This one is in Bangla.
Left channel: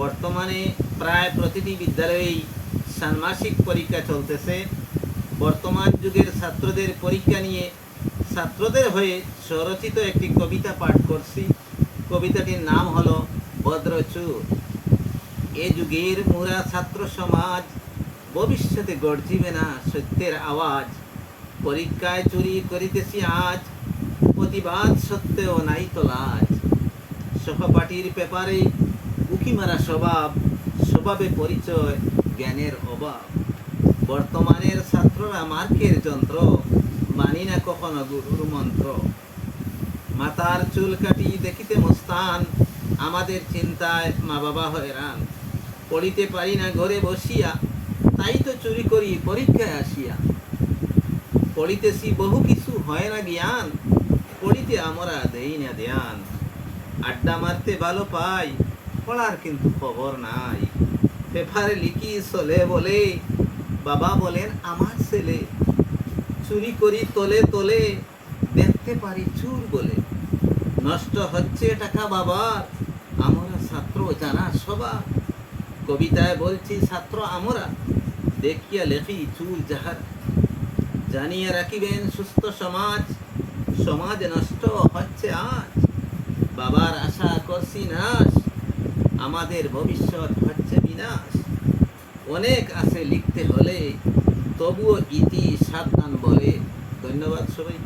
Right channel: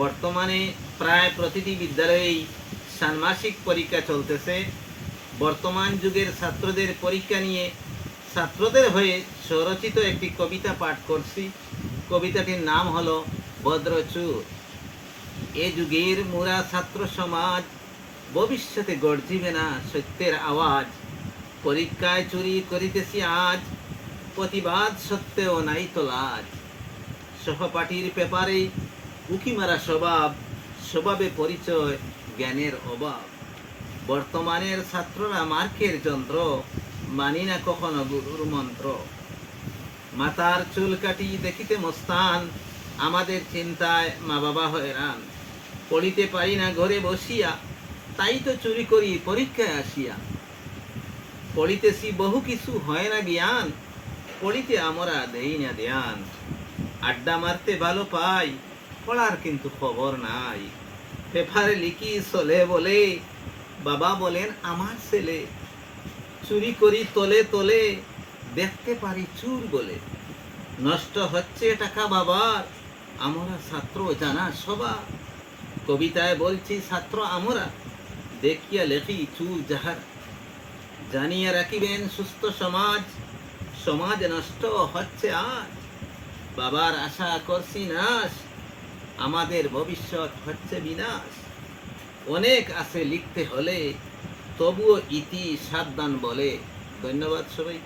বর্তমানে প্রায় প্রতিটি বিদ্যালয়েই ষান্মাসিক পরীক্ষা চলতেছে। বর্তমান যুগের ছাত্রদের পরীক্ষা নিয়ে ছাত্রদের হয়ে স্বরচিত একটি কবিতা পাঠ করছি। কবিতাটির নাম হলো ভদ্রচুর। এ যুগের মোরা ছাত্র সমাজ, ভবিষ্যতে গর্জিবে না সত্যের আওয়াজ। পরীক্ষায় চুরি করিতেছি আজ, প্রতিবাদ সত্ত্বেও নাই তো লাজ। সহপাঠীর পেপারে উকি মারা স্বভাব, স্বভাবে পরিচয় জ্ঞানের অভাব। বর্তমানের ছাত্ররা মার্কের যন্ত্র, মানি না কখনো গুরুর মন্ত্র। মাথার চুল কাটি দেখিতে মস্তান, আমাদের চিন্তায় মা বাবা হয়রান। পড়িতে পারি না ঘরে বসিয়া, তাই তো চুরি করি পরীক্ষায় আসিয়া। পড়িতেছি বহু কিছু হয় না জ্ঞান, পড়িতে আমরা দেই না ধ্যান। আড্ডা মারতে ভালো পাই, পড়ার কিন্তু খবর নাই। পেপারে লিখি চলে বলে, বাবা বলেন আমার ছেলে। চুরি করি তলে তলে, দেখতে পারি চুর বলে। নষ্ট হচ্ছে টাকা বাবার, আমরা ছাত্র জানা সবার। কবিতায় বলছি ছাত্র আমরা, দেখিয়া লেখি চুর যাহার। জানিয়ে রাখিবেন সুস্থ সমাজ, সমাজ নষ্ট হচ্ছে আজ। বাবার আশা করছি নাশ, আমাদের ভবিষ্যৎ হচ্ছে বিনাশ। অনেক আছে লিখতে হলে, তবুও ইতি সাবধান বলে। ধন্যবাদ সবাই।